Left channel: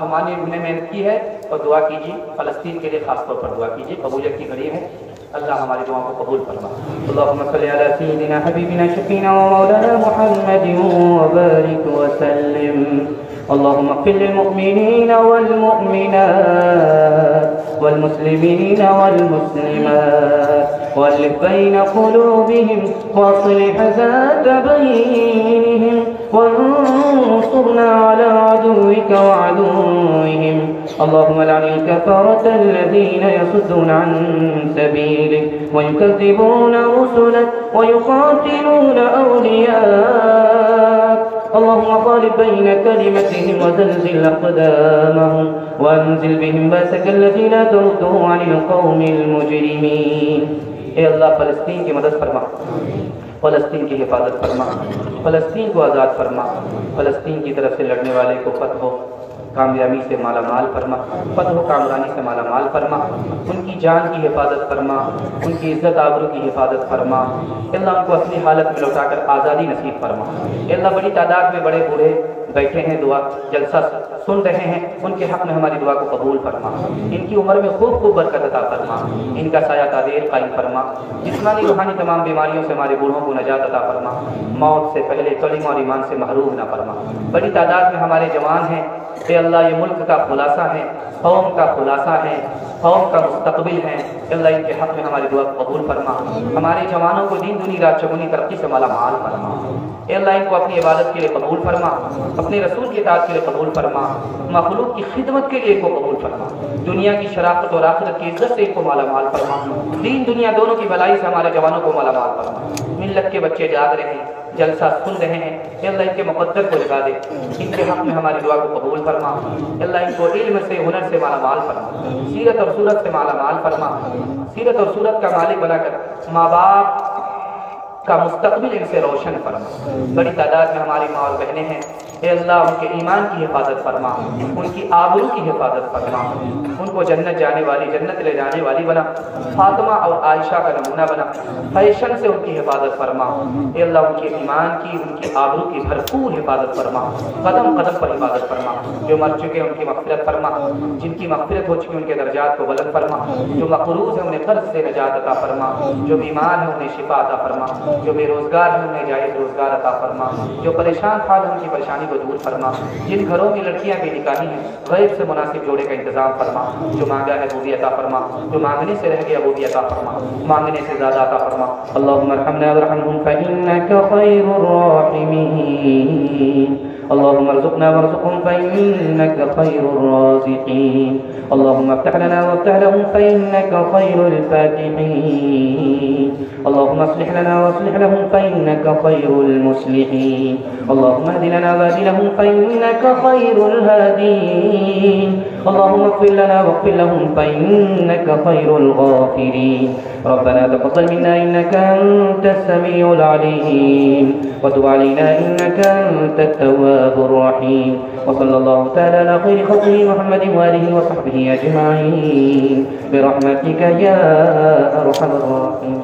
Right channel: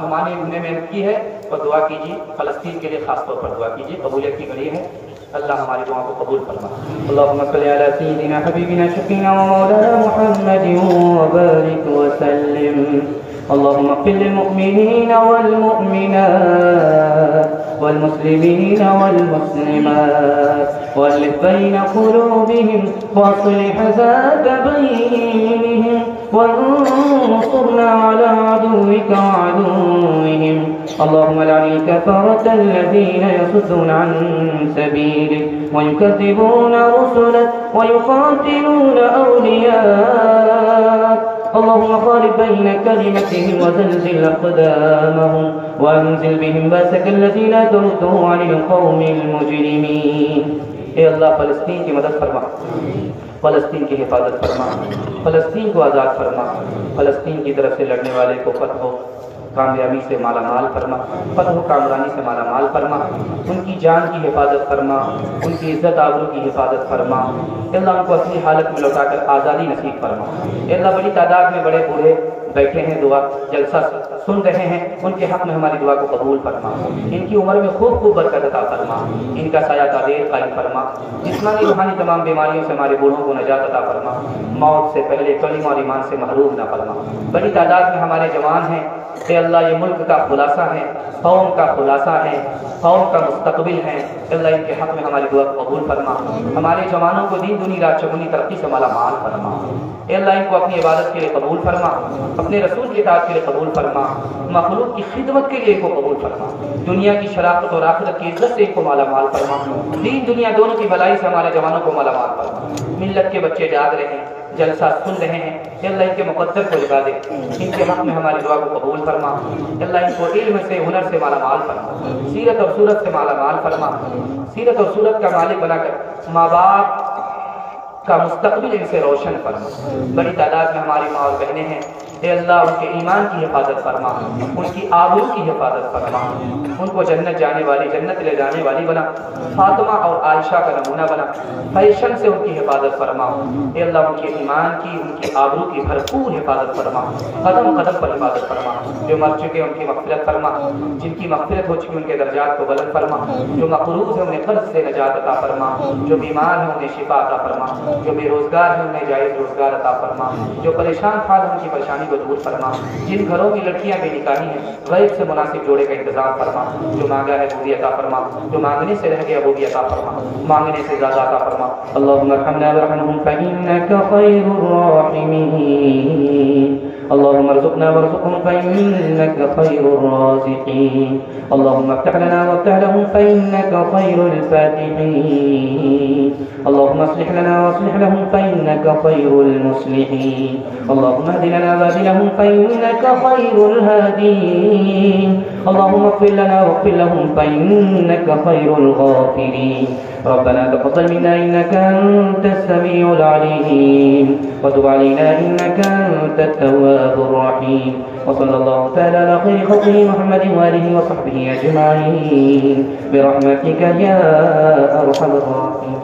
ہمارے نے محنت کی ہے اور دعا کیجیے فلسطین کے لیے، خاص طور پر دعا کیجیے، قبولیت کی گھڑی ہے، اللہ ہماری دعاؤں کو قبول فرما۔ اللهم صل على سيدنا حبيبنا شفينا مولانا محمد وبارك وسلم۔ اللهم اغفر للمؤمنين والمؤمنات والمسلمين والمسلمات والف بين قلوبهم واصلح ذات بينهم وانصرنا على عدوك وعدوهم۔ اللهم لعن الكفرة الذين يصدون عن سبيلك ويكذبون رسلك ويقاتلون أولياءك۔ اللهم خالف بين كلمتهم وزلزل أقدامهم وأنزل بهم بأسك الذي لا ترده عن القوم المجرمين۔ اے اللہ فلسطین کی مدد فرما، فلسطین کی حفاظت فرما، فلسطین کو آزاد فرما، فلسطین کی طرف سے لڑنے والے کو فتح ہو کامیابی سے مالا مال فرما، فتح و کامرانی سے مالا مال فرما، ان کی جان کی حفاظت فرما، ان کی عزت آبرو کی حفاظت فرما۔ اے اللہ ان کو اپنی حالت میں لوٹا کر آزادی نصیب فرما۔ اے اللہ بڑی تعداد میں بڑے بوڑھے بیٹھے ہیں، دعا جلسہ سن رہے ہیں، ان کے حق میں ہماری دعا کو قبول فرما، ان کی عمر میں خوب خوب برکت عطا فرما، ان کا سایہ تعبیر قائم فرما، جسمانی روحانی تمام بیماریوں سے ہمارے بوڑھوں کو نجات عطا فرما، موت سے پہلے کلمہ اور ایمان سے محروم نہ فرما۔ بڑی تعداد میں ہمارے جوان ہیں، اے اللہ یہ ملک کا خلاصہ ہے، قوم کا خلاصہ ہے، قوم کا مستقبل ہے، اللہ ان کے حق میں ہماری دعا قبول فرما، ہمارے جوانوں کو دین دنیا رات چگنی ترقی سے مالا مال فرما۔ اے اللہ ان کو اپنی عبادت کے لیے قبول فرما، اپنے رسول کی اطاعت کے لیے قبول فرما، مخلوق کی خدمت کے لیے ان کو قبول فرما، دنیا کی شرافت اور آخرت کی عزت سے ان کو مالا مال فرما، دین دنیا دونوں کی بھلائی سے ہمارے جوانوں کو مالا مال فرما۔ ملت کے بچے جاگ رہے ہیں، جلسہ سن رہے ہیں، اے اللہ ان کے مقدر کو لگا دے، ان کے حق میں ہماری دعا کو قبول فرما، اللہ ان کو علم سے ہنر سے مالا مال فرما، سیرت اور صورت سے مالا مال فرما، سیرت اور صورت کا مالک بنا کر ماں باپ کا مستقبل ان سے روشن فرما۔ بڑی تعداد میں ہماری ماں اور بہنیں ہیں، اے اللہ ان کے ایمان کی حفاظت فرما، ان کی آبرو کی حفاظت فرما، ان کو جنت جانے والی، جنت لے جانے والی بنا، فاطمہ اور عائشہ کا نمونہ بنا، فیشن سے ان کی حفاظت فرما، اے اللہ ان کے ایمان کی، ان کی آبرو کی بھرپور حفاظت فرما، قدم قدم پر حفاظت فرما، جو مر چکے ان کی مغفرت فرما، جن کی مغفرت ہو چکی ان کے درجات کو بلند فرما، جو مقروض ہیں انہیں قرض سے نجات عطا فرما، جو بیمار ہیں انہیں شفا عطا فرما، جو بے روزگار ہیں انہیں جائز روزگار عطا فرما، جو پریشان حال ان کی پریشانی کو دور فرما، جن گھروں میں لڑکیاں بے نکاحی ہیں غیب سے مناسب جوڑے کا انتظام فرما، جو مانگا ہے وہ بھی عطا فرما، جو مانگنے سے رہ گیا وہ بھی عطا فرما، مانگنے سے زیادہ عطا فرما۔ اللهم ارحمنا وارحمهم فإنك خير الراحمين، اللهم ارزقنا وارزقهم فإنك خير الرازقين، اللهم افتح لنا وافتح لهم فإنك خير الفاتحين، اللهم اصلح لنا واصلح لهم فإنك خير المصلحين، اللهم اهد لنا واهد لهم فإنك خير الهادين، اللهم اغفر لنا واغفر لهم فإنك خير الغافرين۔ ربنا تقبل منا إنك أنت السميع العليم وتب علينا إنك أنت التواب الرحيم، وصلى الله تعالى على خير خلقه محمد وآله وصحبه أجمعين برحمتك يا أرحم الراحمين۔